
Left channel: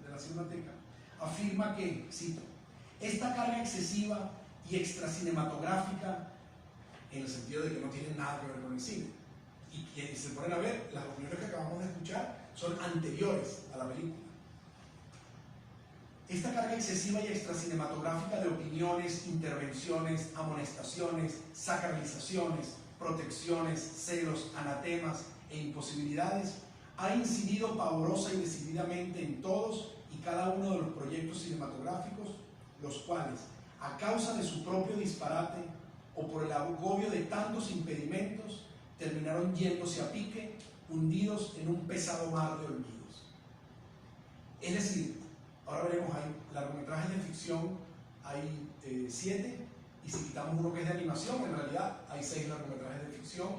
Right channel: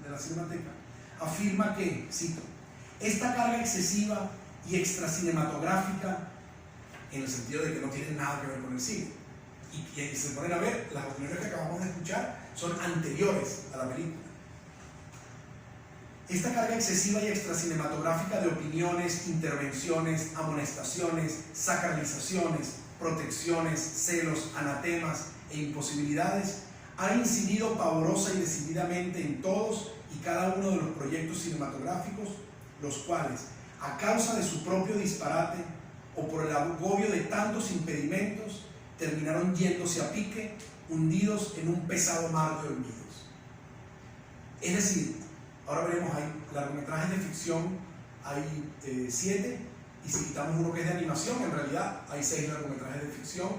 de la Cinemateca, afirma que, cito, esta carga excesiva y extracinematográfica, en el sentido de que no tienen nada que ver con el cine, y que se ponen a ver, las opiniones que acabamos de escuchar son anteriores a la película. Esta carga excesiva y extracinematográfica de opiniones, intervenciones, amonestaciones, sacralizaciones, protecciones, celos, anatemas e imposibilidades ha incidido pavorosa y decididamente en todos y cada uno de los proyectos cinematográficos, los cuales, a causa de su propio disparate o por el agobio de tantos impedimentos, terminaron yéndose a pique, hundidos en un pesado mar de olvidos. Es decir, ahora veremos, hay largometrajes de ficción, hay 7, y si quitamos uno que es de animación, en realidad hay 6 largometrajes de ficción,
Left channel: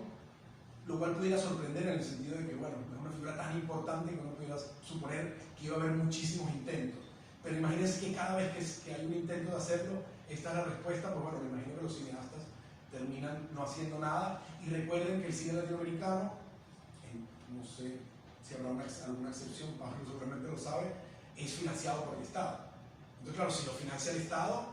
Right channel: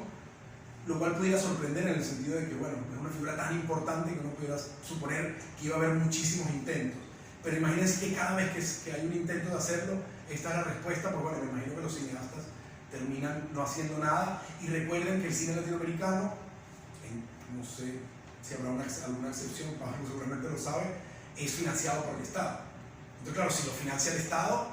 lo cual pudiera sorprender en el sentido de que, bueno, es una figura tan importante que uno pudiera suponer que iba a haber muchísimos intentos. Pero imagínense que cada vez que hay un intento de hacerlo, esta es la respuesta. Pues bueno, me imagino que los cineastas terminan no haciendo nada. Y recuerden que el cine latinoamericano, no sé si habrá alguna excepción, Pablo seguramente lo sabe, es financiado por el Estado. Entonces claro, si lo financia el Estado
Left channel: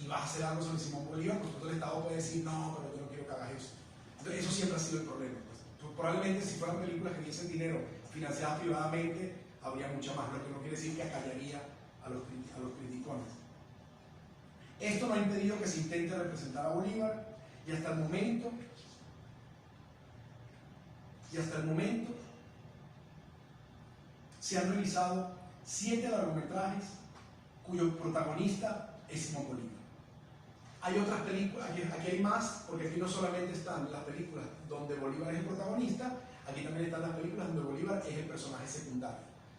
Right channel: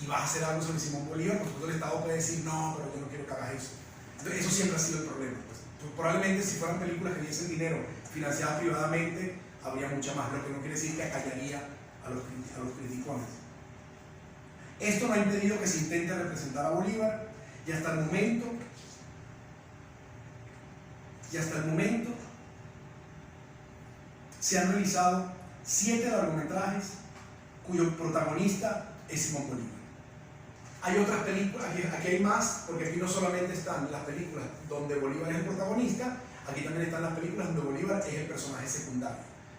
y vas a hacer algo sobre Simón Bolívar, por supuesto el Estado puede decir, no, pero yo no quiero que hagas eso. Entonces eso siempre ha sido el problema. Pues probablemente si fueran películas que diesen dinero financiadas privadamente, habría mucha más, lo que no quiere decir que acallaría a los criticones. Esto no ha impedido que se intente representar a Bolívar y hasta el momento se han realizado 7 largometrajes cuyo protagonista es Simón Bolívar. Hay otras películas, aquí hay más, porque aquí no solamente están las películas donde Bolívar es el protagonista, aquí también están las películas donde Bolívar es el personaje secundario.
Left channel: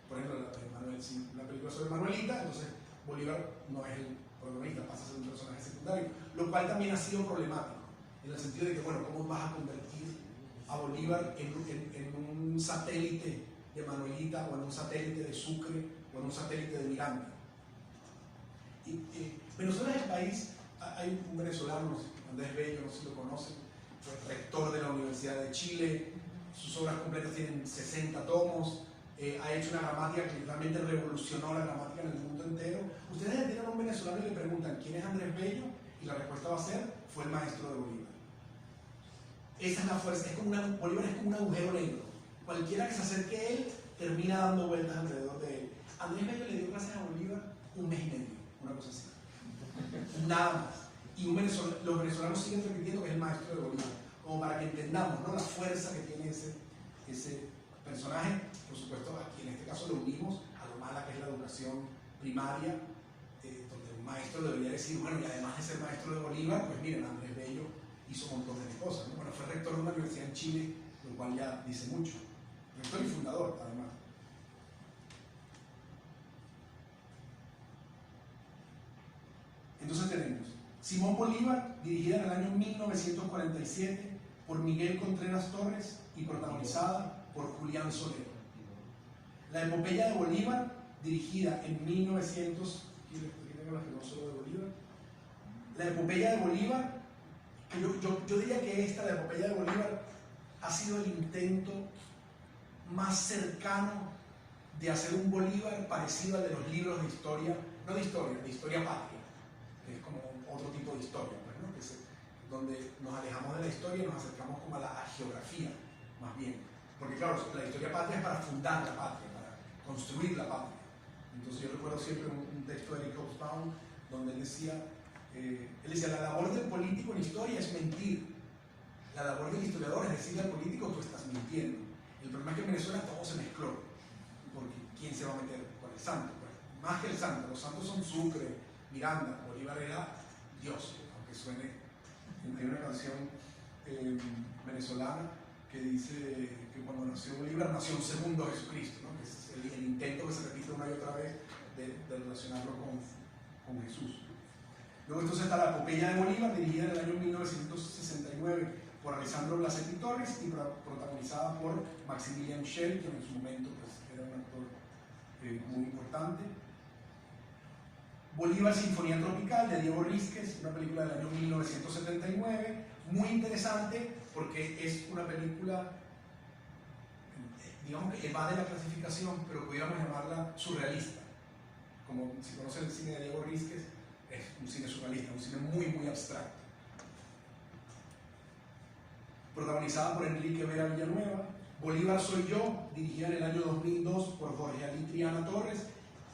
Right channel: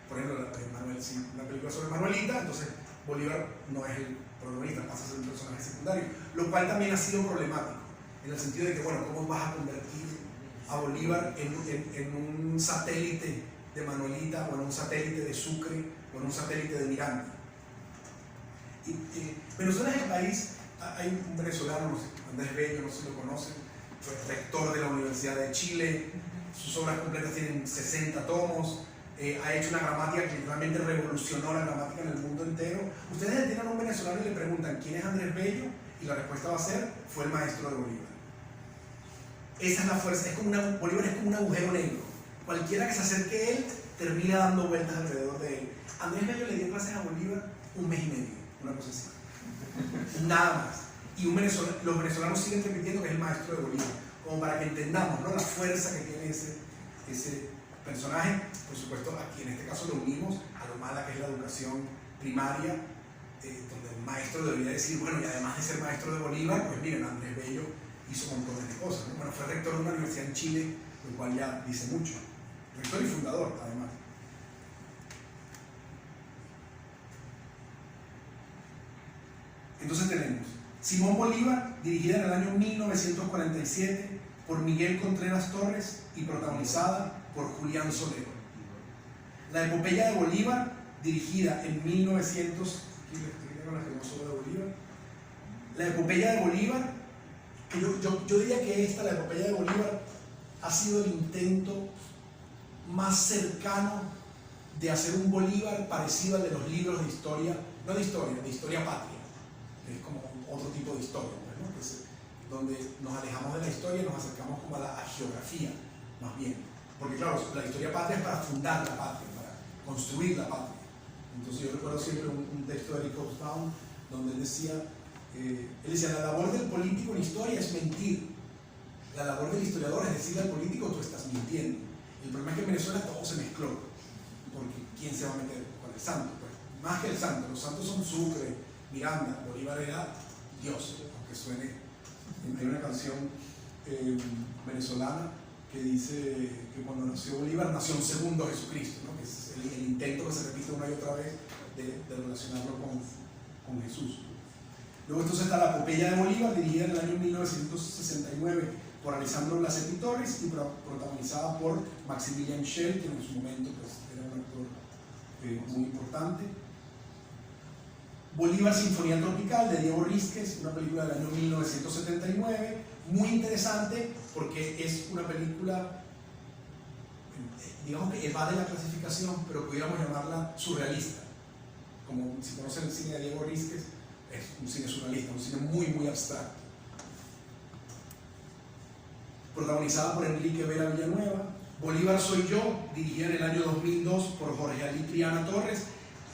Por ejemplo, una película sobre Manuelita, entonces Bolívar no es el protagonista, pasa a ser un personaje secundario, lo cual también ha sido problemático, en el sentido de que, bueno, ¿cómo vas a convertir a Bolívar en un satélite de Manuelita, o en un satélite de Sucre, o en un satélite de Miranda? Venezuela es el país. Hay un venezolano, Andrés Bello, no sé si lo conocen, fue rector de la Universidad de Chile, sus obras completas tienen 60 tomos, ha hecho una gramática que realmente revolucionó la gramática en el mundo entero. Ustedes tienen a un venezolano y le preguntan ¿quién es Andrés Bello? Y la respuesta va a ser, fue el maestro de Bolívar. Esa es la fuerza, Bolívar es como un agujero negro. Cualquiera que se acerque a él termina dando vueltas alrededor de él. Andrés Bello le dio clases a Bolívar 1 mes y medio, una cosa así. Nada más. Y los venezolanos siguen repitiendo que es el maestro de Bolívar, como para que entendamos, ¿no?, la fuerza que tiene ese personaje. Por supuesto, aquí en este caso lo unimos a lo mala que es la educación primaria, donde el maestro debería decir, bueno, y además de ser maestro de Bolívar, pues miren, Andrés Bello hizo montones de cosas, ¿no? Bueno, fue rector de una universidad en Chile, lo cual ya dice mucho. Rector y fundador, además. Entonces tenemos Simón Bolívar, dirigida en el año 1947 por Miguel Contreras Torres y protagonizada por Julián Solero. La epopeya de Bolívar, dirigida en 1900. La epopeya de Bolívar, que yo diría que la epopeya de Bolívar, ha sido el intento más cercano de hacer un Bolívar parecido al de los libros de historia, no de historia patria, que es como otro tipo de historia, ¿no? Donde nos alejamos de la historia y nos acercamos como a la geografía, más bien. Porque claro, la historia patria es para fundar la patria, para construir la patria. Entonces yo recuerdo siempre un texto de Eric Hobsbawm donde él decía, la labor del político en historia es mentir. La labor del historiador es decirle al político, tú estás mintiendo. El problema es que en Venezuela todo se mezcló, porque ¿quién se va a meter con el santo? Pues, más que el santo, los santos son Sucre, Miranda, Bolívar era Dios, aunque suene. Hay una canción venezolana que dice que cuando nació Bolívar nació un segundo Jesucristo, ¿no? Que es el intento que se repite una y otra vez de relacionarlo con Jesús. Luego entonces está la epopeya de Bolívar, dirigida en el año 1969 por Alessandro Blasetti Torres y protagonizada por Maximilian Schell, que en su momento pues, era un actor muy importante. Bolívar Sinfonía Tropical de Diego Rísquez, una película del año 1979, muy interesante porque es una película, digamos que evade la clasificación, pero pudiéramos llamarla surrealista. Como si conocen el cine de Diego Rísquez, es un cine surrealista, un cine muy, muy abstracto. Protagonizada por Enrique Vera Villanueva. Bolívar Soy Yo, dirigida en el año 2002 por Jorge Ali Triana Torres,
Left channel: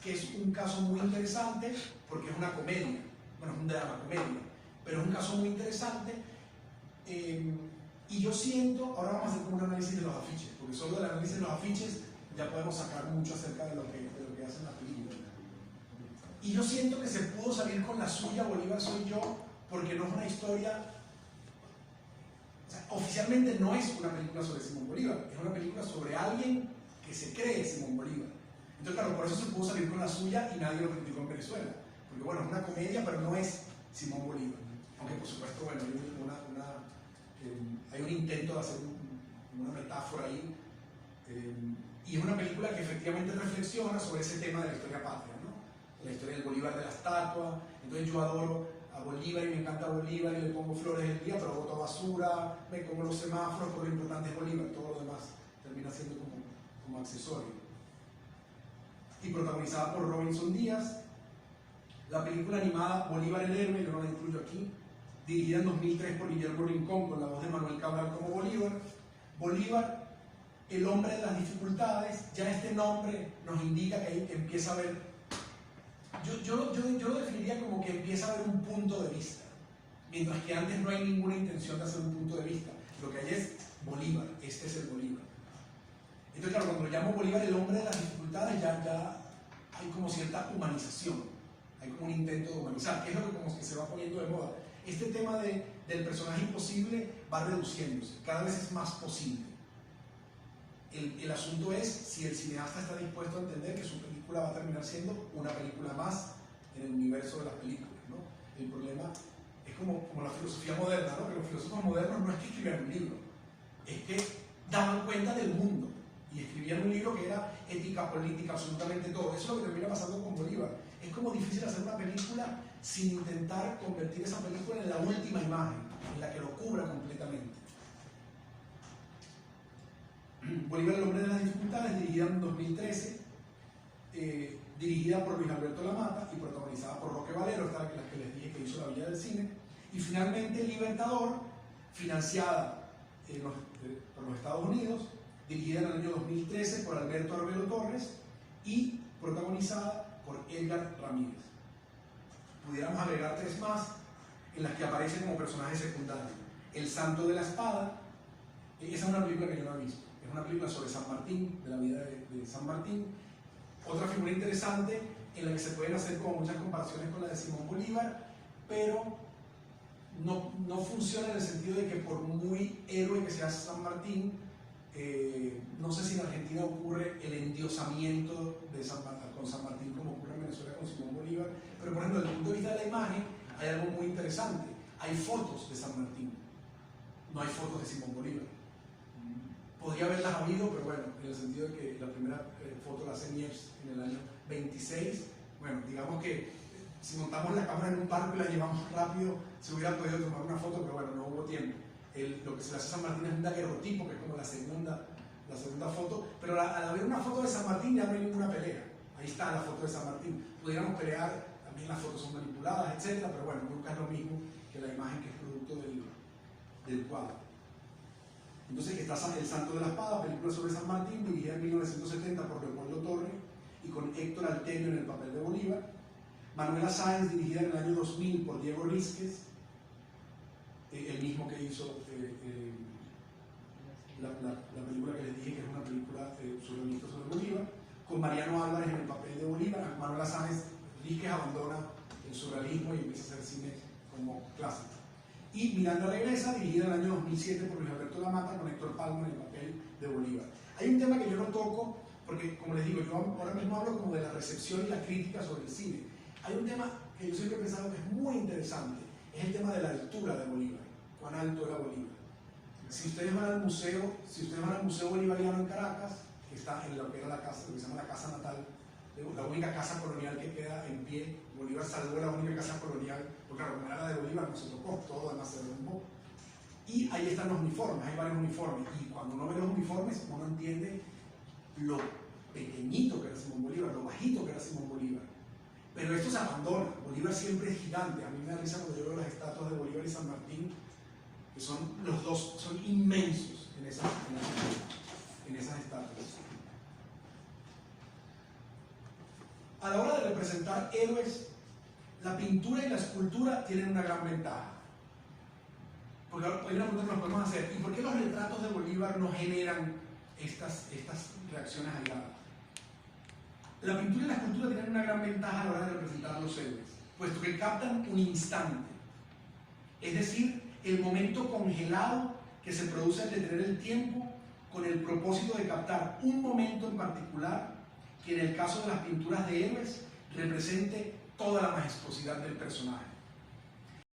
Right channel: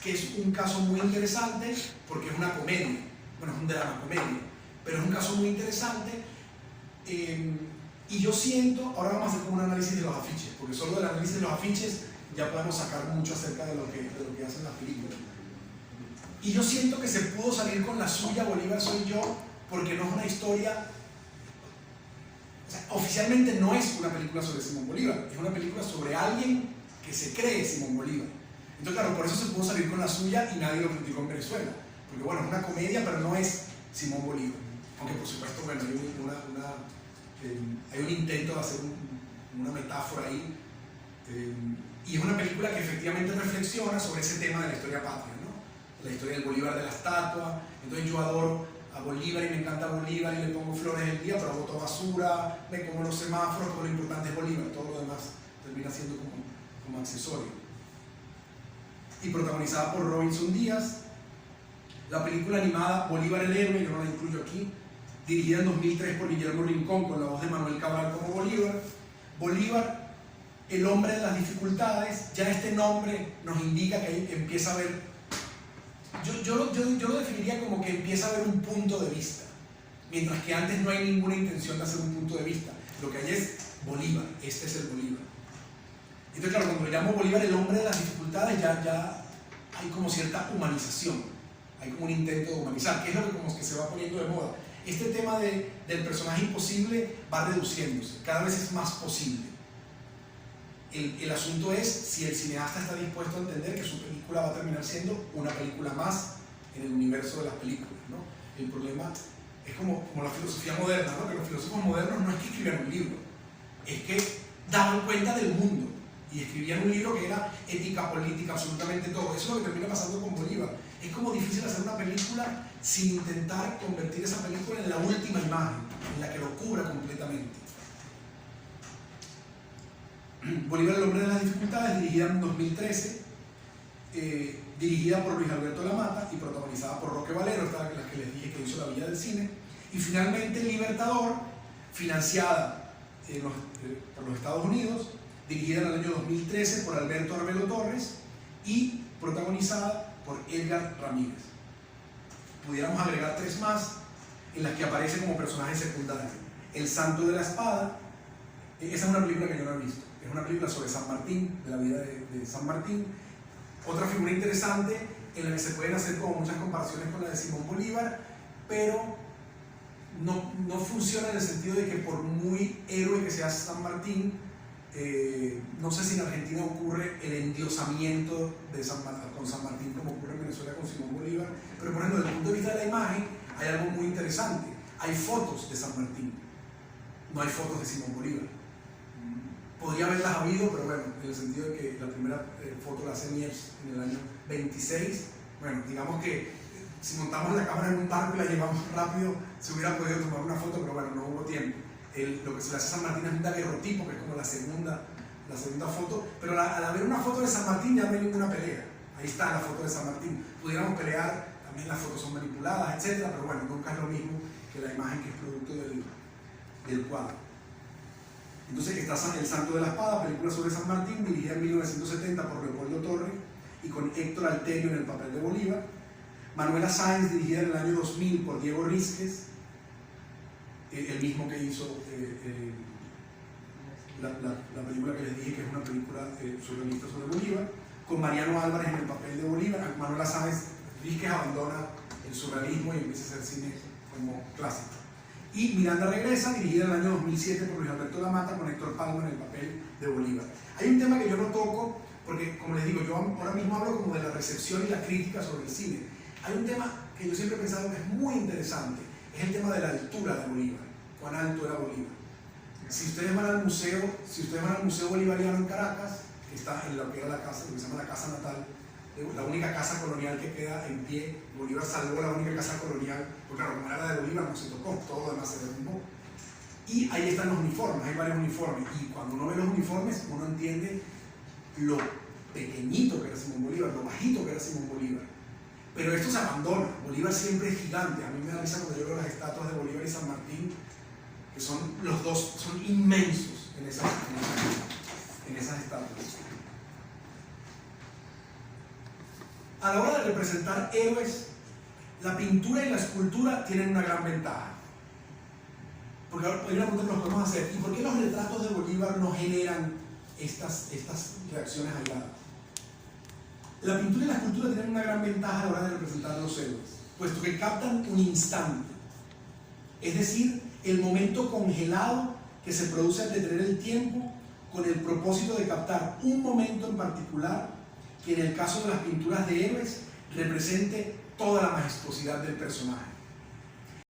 que es un caso muy interesante porque es una comedia, bueno, es un drama comedia, pero es un caso muy interesante. Y yo siento, ahora vamos a hacer como un análisis de los afiches, porque solo del análisis de los afiches ya podemos sacar mucho acerca de lo que hacen las películas. Y yo siento que se pudo salir con la suya Bolívar Soy Yo, porque no es una historia, o sea, oficialmente no es una película sobre Simón Bolívar, es una película sobre alguien que se cree Simón Bolívar. Entonces, claro, por eso se pudo salir con la suya y nadie lo criticó en Venezuela, porque bueno, es una comedia, pero no es Simón Bolívar. Aunque por supuesto, bueno, hay un intento de hacer una metáfora ahí, y es una película que efectivamente reflexiona sobre ese tema de la historia patria, ¿no? La historia del Bolívar de la estatua. Entonces yo adoro a Bolívar y me encanta Bolívar y le pongo flores el día, pero boto basura, me como los semáforos, todo lo importante es Bolívar, todo lo demás termina siendo como accesorio. Y protagonizada por Robinson Díaz. La película animada Bolívar el héroe, yo no la incluyo aquí, dirigida en 2003 por Guillermo Rincón con la voz de Manuel Cabral como Bolívar. Bolívar, el hombre de las dificultades. Ya este nombre nos indica que ahí empieza a haber Yo lo definiría como que empieza a haber un punto de vista, mientras que antes no hay ninguna intención de hacer un punto de vista. Lo que hay es Bolívar, este es el Bolívar. Entonces, claro, cuando lo llamo Bolívar, el hombre de las dificultades, ya hay como cierta humanización, hay como un intento de humanizar, que es lo que como que se va poniendo de moda. Este tema del personaje imposible va reduciéndose, cada vez es más posible. El asunto es si el cineasta está dispuesto a entender que su película va a terminar siendo una película más en el universo de las películas, ¿no? El problema es como la filosofía moderna, ¿no? Que los filósofos modernos no es que escribieran un libro, es que daban cuenta del mundo y escribían un libro que era ética, política, absolutamente todo. Eso es lo que termina pasando con Bolívar. Es como difícil hacer una película sin intentar convertir esa película en la última imagen, en la que lo cubra completamente. Bolívar, el hombre de las dificultades, dirigida en 2013, dirigida por Luis Alberto Lamata y protagonizada por Roque Valero, esta es la que les dije que hizo La Villa del Cine. Y finalmente Libertador, financiada por los Estados Unidos, dirigida en el año 2013 por Alberto Arbelo Torres y protagonizada por Edgar Ramírez. Pudiéramos agregar 3 más en las que aparece como personaje secundario. El Santo de la Espada, esa es una película que yo no he visto, es una película sobre San Martín, de la vida de San Martín. Otra figura interesante en la que se pueden hacer como muchas comparaciones con la de Simón Bolívar, pero no funciona en el sentido de que por muy héroe que sea San Martín, no sé si en Argentina ocurre el endiosamiento con San Martín como ocurre en Venezuela con Simón Bolívar, pero por ejemplo desde el punto de vista de la imagen hay algo muy interesante. Hay fotos de San Martín, no hay fotos de Simón Bolívar. Podría haberlas habido, pero bueno, en el sentido de que la primera foto la hace Mies en el año 26. Bueno, digamos que si montamos la cámara en un barco y la llevamos rápido, se hubiera podido tomar una foto, pero bueno, no hubo tiempo. Lo que se le hace a San Martín es un daguerrotipo, que es como la segunda foto, pero al haber una foto de San Martín ya no hay ninguna pelea. Ahí está la foto de San Martín. Pudiéramos pelear, también las fotos son manipuladas, etcétera, pero bueno, nunca es lo mismo que la imagen que es producto del cuadro. Entonces está El Santo de la Espada, película sobre San Martín, dirigida en 1970 por Leopoldo Torre y con Héctor Alterio en el papel de Bolívar. Manuela Sáenz, dirigida en el año 2000 por Diego Rísquez, el mismo que hizo la película que les dije que es una película surrealista sobre Bolívar, con Mariano Álvarez en el papel de Bolívar. Manuela Sáenz Rísquez abandona el surrealismo y empieza a hacer cine como clásico. Y Miranda regresa, dirigida en el año 2007 por Luis Alberto Lamata, con Héctor Palma en el papel de Bolívar. Hay un tema que yo no toco, porque como les digo, yo ahora mismo hablo como de la recepción y la crítica sobre el cine. Hay un tema que yo siempre he pensado que es muy interesante, es el tema de la altura de Bolívar. ¿Cuán alto era Bolívar? Si ustedes van al museo Bolivariano en Caracas, que está en lo que era la casa, lo que se llama la casa natal, la única casa colonial que queda en pie. Bolívar salvó la única casa colonial, porque claro, como era la de Bolívar no se tocó, todo lo demás se derrumbó. Y ahí están los uniformes, hay varios uniformes, y cuando uno ve los uniformes, uno entiende lo pequeñito que era Simón Bolívar, lo bajito que era Simón Bolívar. Pero esto se abandona. Bolívar siempre es gigante. A mí me da risa cuando yo veo las estatuas de Bolívar y San Martín, que son los dos, son inmensos en esas estatuas. A la hora de representar héroes, la pintura y la escultura tienen una gran ventaja. Porque ahora hay una pregunta que nos podemos hacer: ¿y por qué los retratos de Bolívar no generan estas reacciones aisladas? La pintura y la escultura tienen una gran ventaja a la hora de representar a los héroes, puesto que captan un instante, es decir, el momento congelado que se produce al detener el tiempo con el propósito de captar un momento en particular que en el caso de las pinturas de héroes represente toda la majestuosidad del personaje.